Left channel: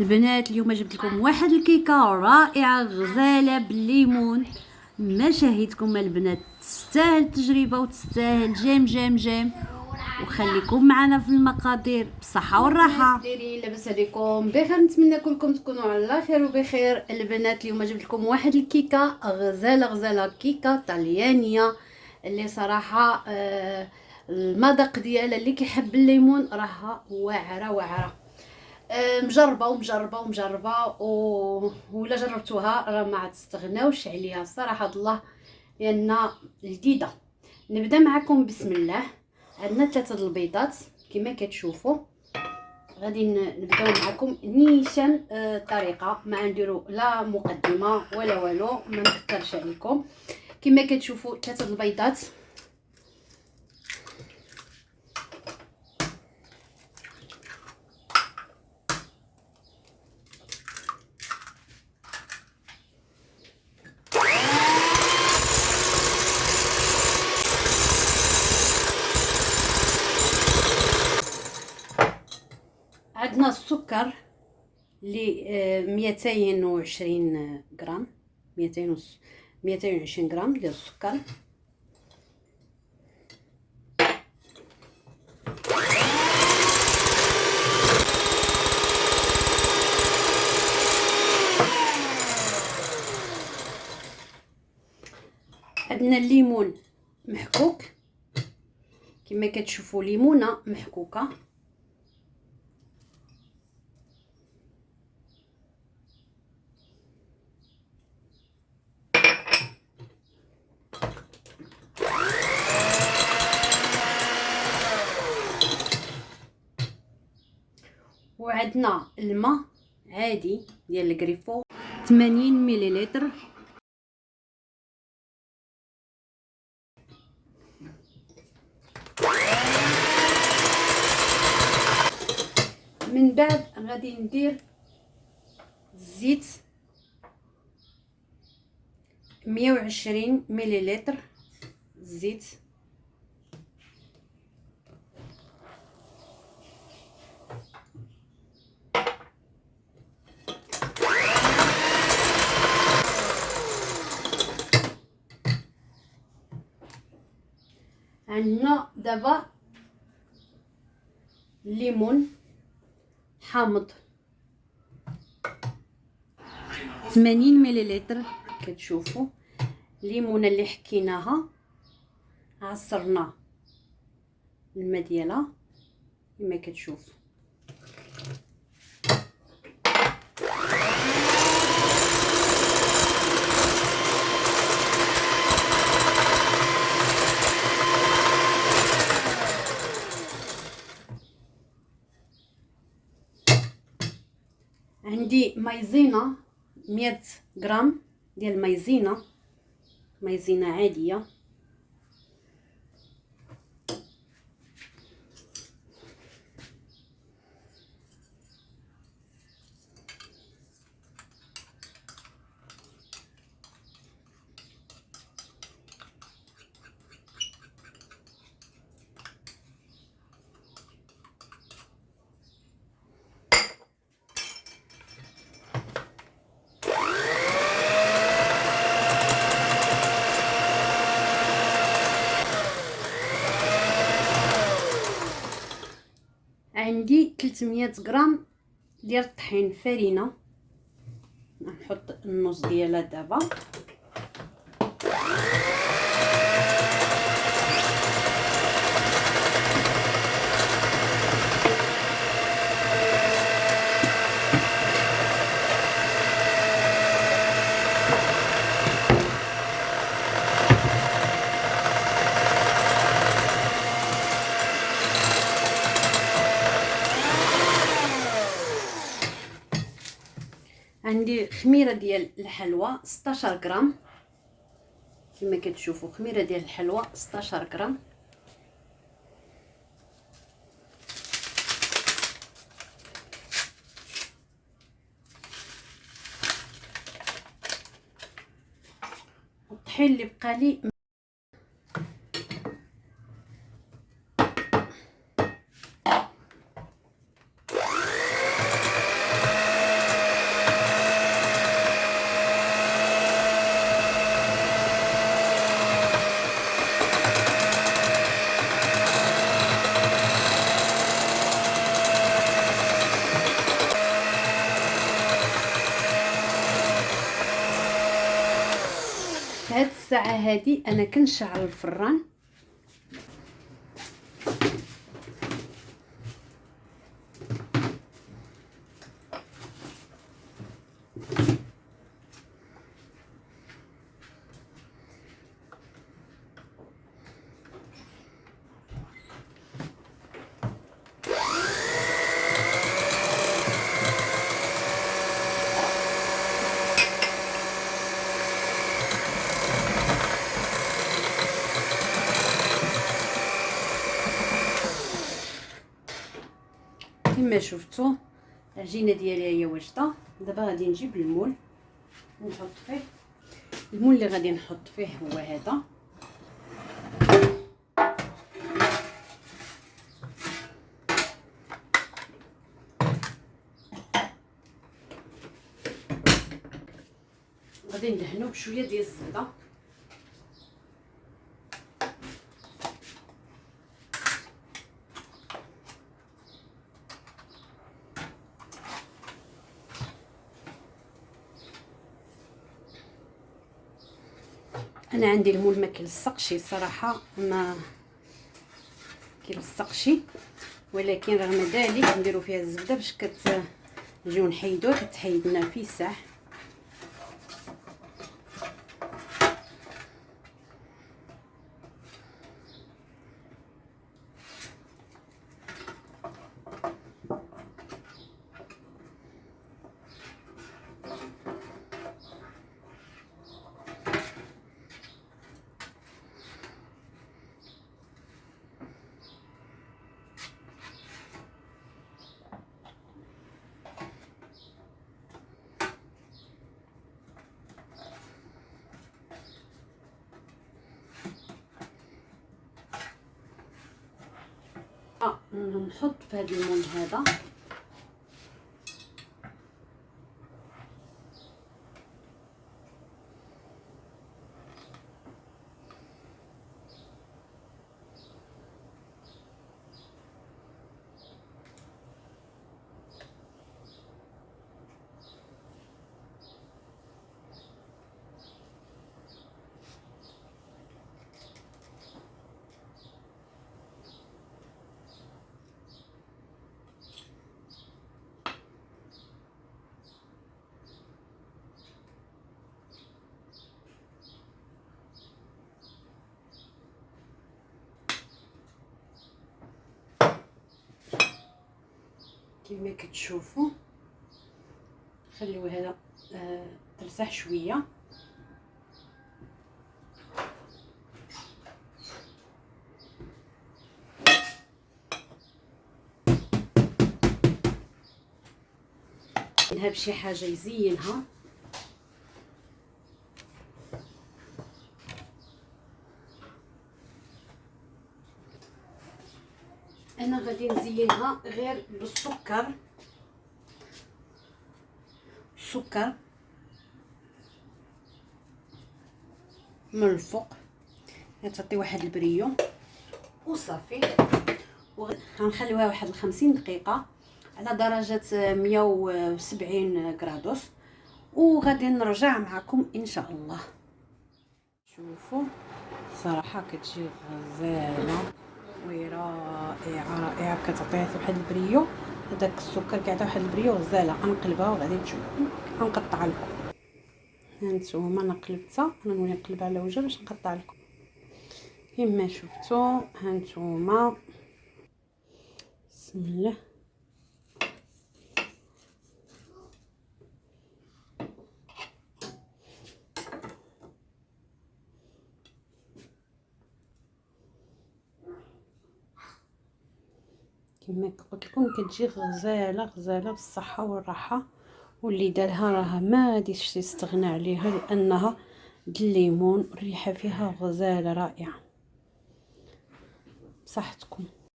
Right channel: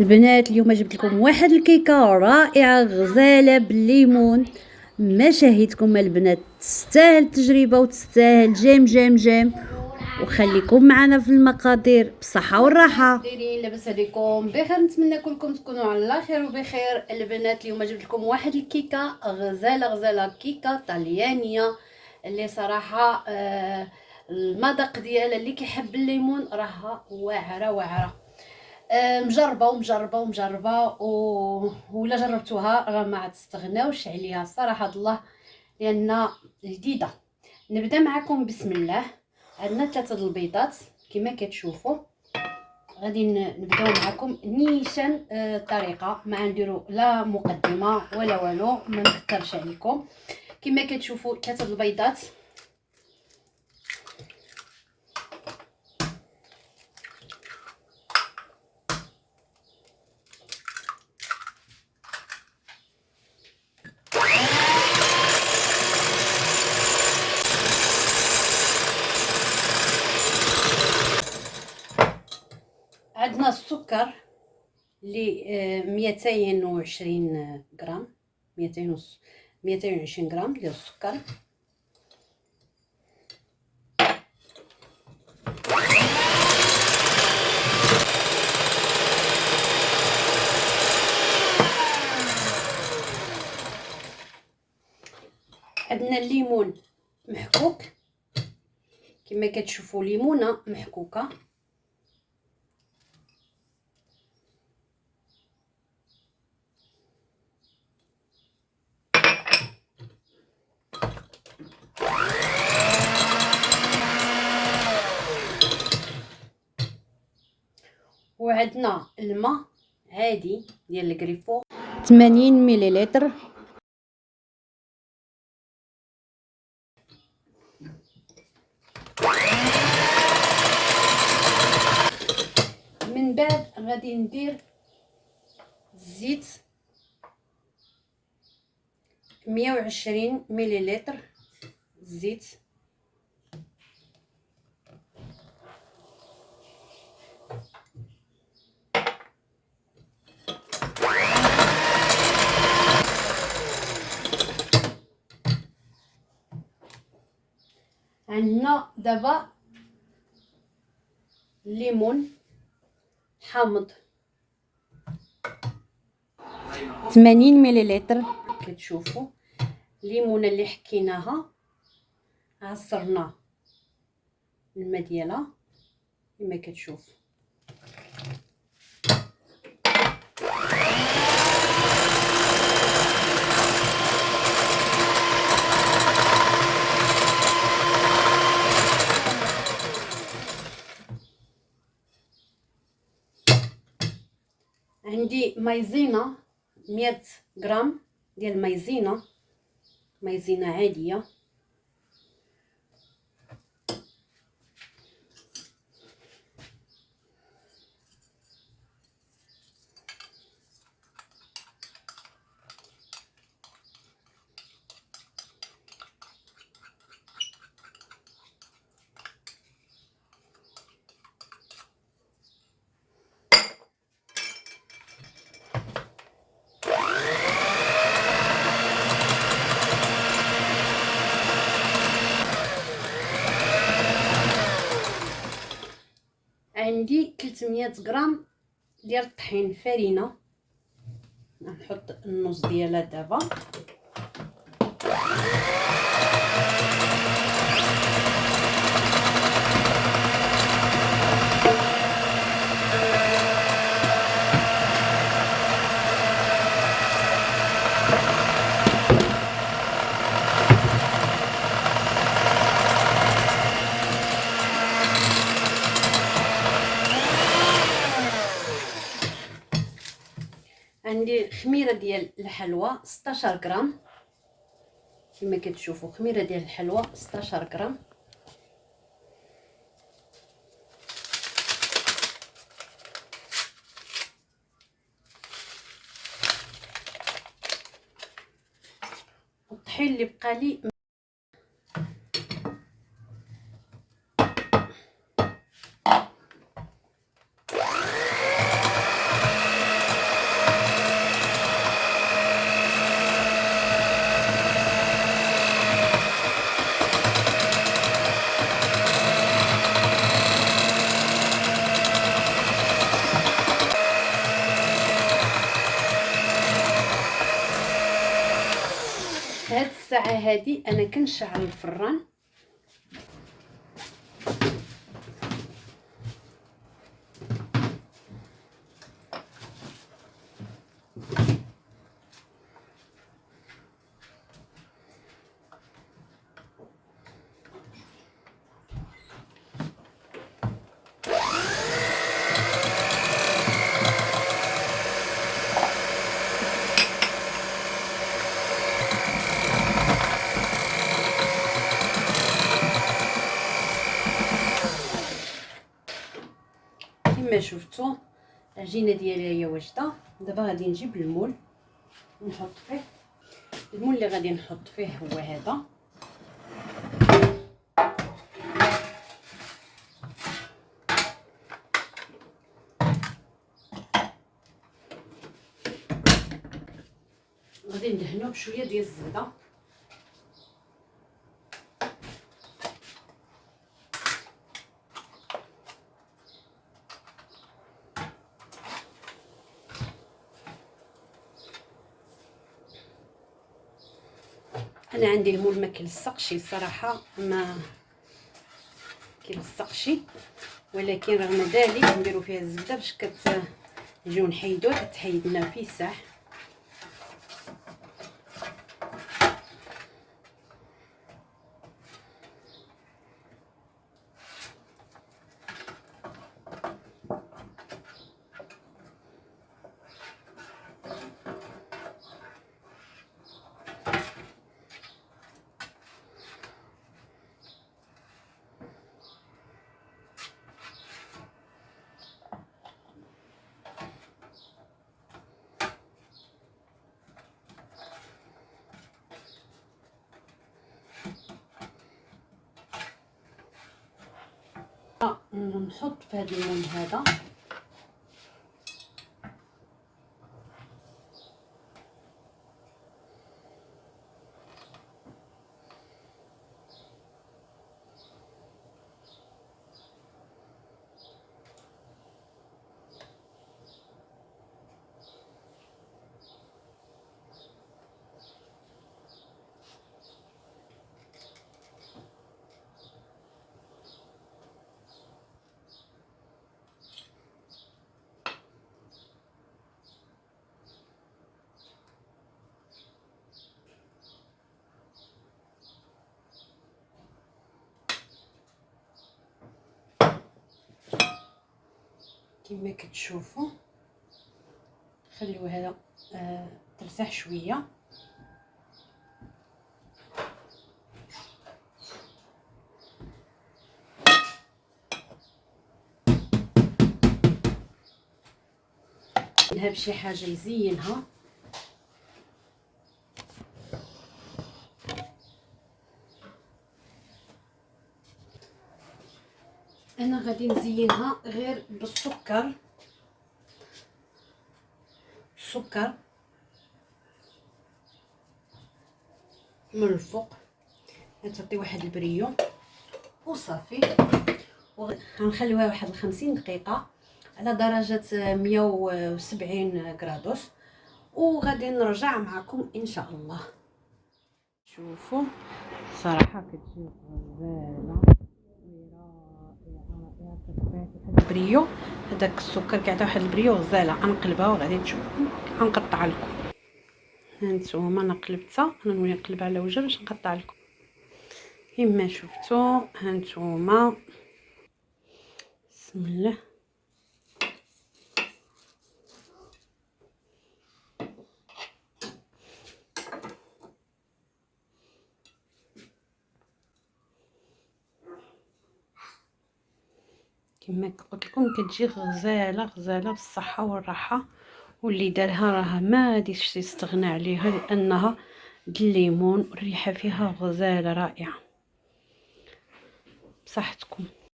البنات اليوم جبت لكم واحد الكيكه رائعه غزاله بالليمون. ما شاهدكم البنات، تستاهل التجربه وتستاهل جيم جيم جيم. وخليكم معنا في المقادير بصحه والراحه. دايرين لاباس عليكم بخير؟ نتمنى كلكم تكونوا على خير وبخير. البنات اليوم جبت لكم واحد الكيكه غزاله كيكه طليانيه اللي صراحه المذاق ديالها اللي كيحب الليمون راها واعره. مجربه ولا جربتوها راه ما تستغناوش عليها صراحه الله، لان جديده. نبدا معكم بسم الله. عندنا 3 البيضات كما كتشوفوا. غادي نبداو معكم نيشان الطريقه، ما نديرو لا مقدمه ولا والو، ما نكثرش عليكم. كما كتشوفوا 3 البيضات. عندنا السكر اللي 220 غرام، 220 غرام ديال السكر. عندنا الليمون محكوك كما كتشوفوا، ليمونه محكوكه. وعندنا الماء عادي ديال الكريفو 80 مليلتر. من بعد غادي ندير الزيت 120 مليلتر زيت. عندنا دابا الليمون حامض 80 مليلتر. كتشوفوا الليمونه اللي حكيناها، عصرنا الماء ديالها كما كتشوف. عندي مايزينا 100 غرام ديال مايزينا عاديه. عندي 300 غرام ديال الطحين فرينه، نحط النص ديالها دابا. عندي خميره ديال الحلوى 16 غرام كما كتشوفوا، خميره ديال الحلوى 16 غرام. الطحين اللي بقى لي الساعه هذه انا كنشعل الفران. كما شفتوا العجينه ديالي هي واجده. دابا غادي نجيب المول نحط فيه. المول اللي غادي نحط فيه هو هذا. غادي ندهنوه بشويه ديال الزبده. انا عندي المول ما كيلصقش صراحه، ما كيلصقش، ولكن رغم ذلك نديرو فيها الزبده باش كتجيو نحيدوه. كتحيد لنا فيه ساعه. نحط في هذا المول هذا كما كتشوفوا. خليو هذا ترتاح شويه. نهب شي حاجه يزينها. انا غادي نزينها غير بالسكر. السكر من الفوق غتعطي واحد البريو وصافي. وغنخليوها واحد 50 دقيقه على درجه 170 غرادوس، وغادي نرجع معكم ان شاء الله. شوفوا صراحه كتجي غزاله ورائعه رائعه. كتعطيها واحد البريو. هذاك السكر كيعطي واحد البريو غزاله. غنقلبها وغادي تشوفوا غنقطع لكم. هانتوما انا قلبتها. انا نولي نقلب على وجه باش نقطع لكم كما شفتوا. هانتوما بسم الله. كما قلت لكم كتجي غزاله غزاله بالصحه والراحه. واللي دارها راه ما غاديش يستغنى عليها، لانها الليمون الريحه فيها غزاله رائعه. بصحتكم.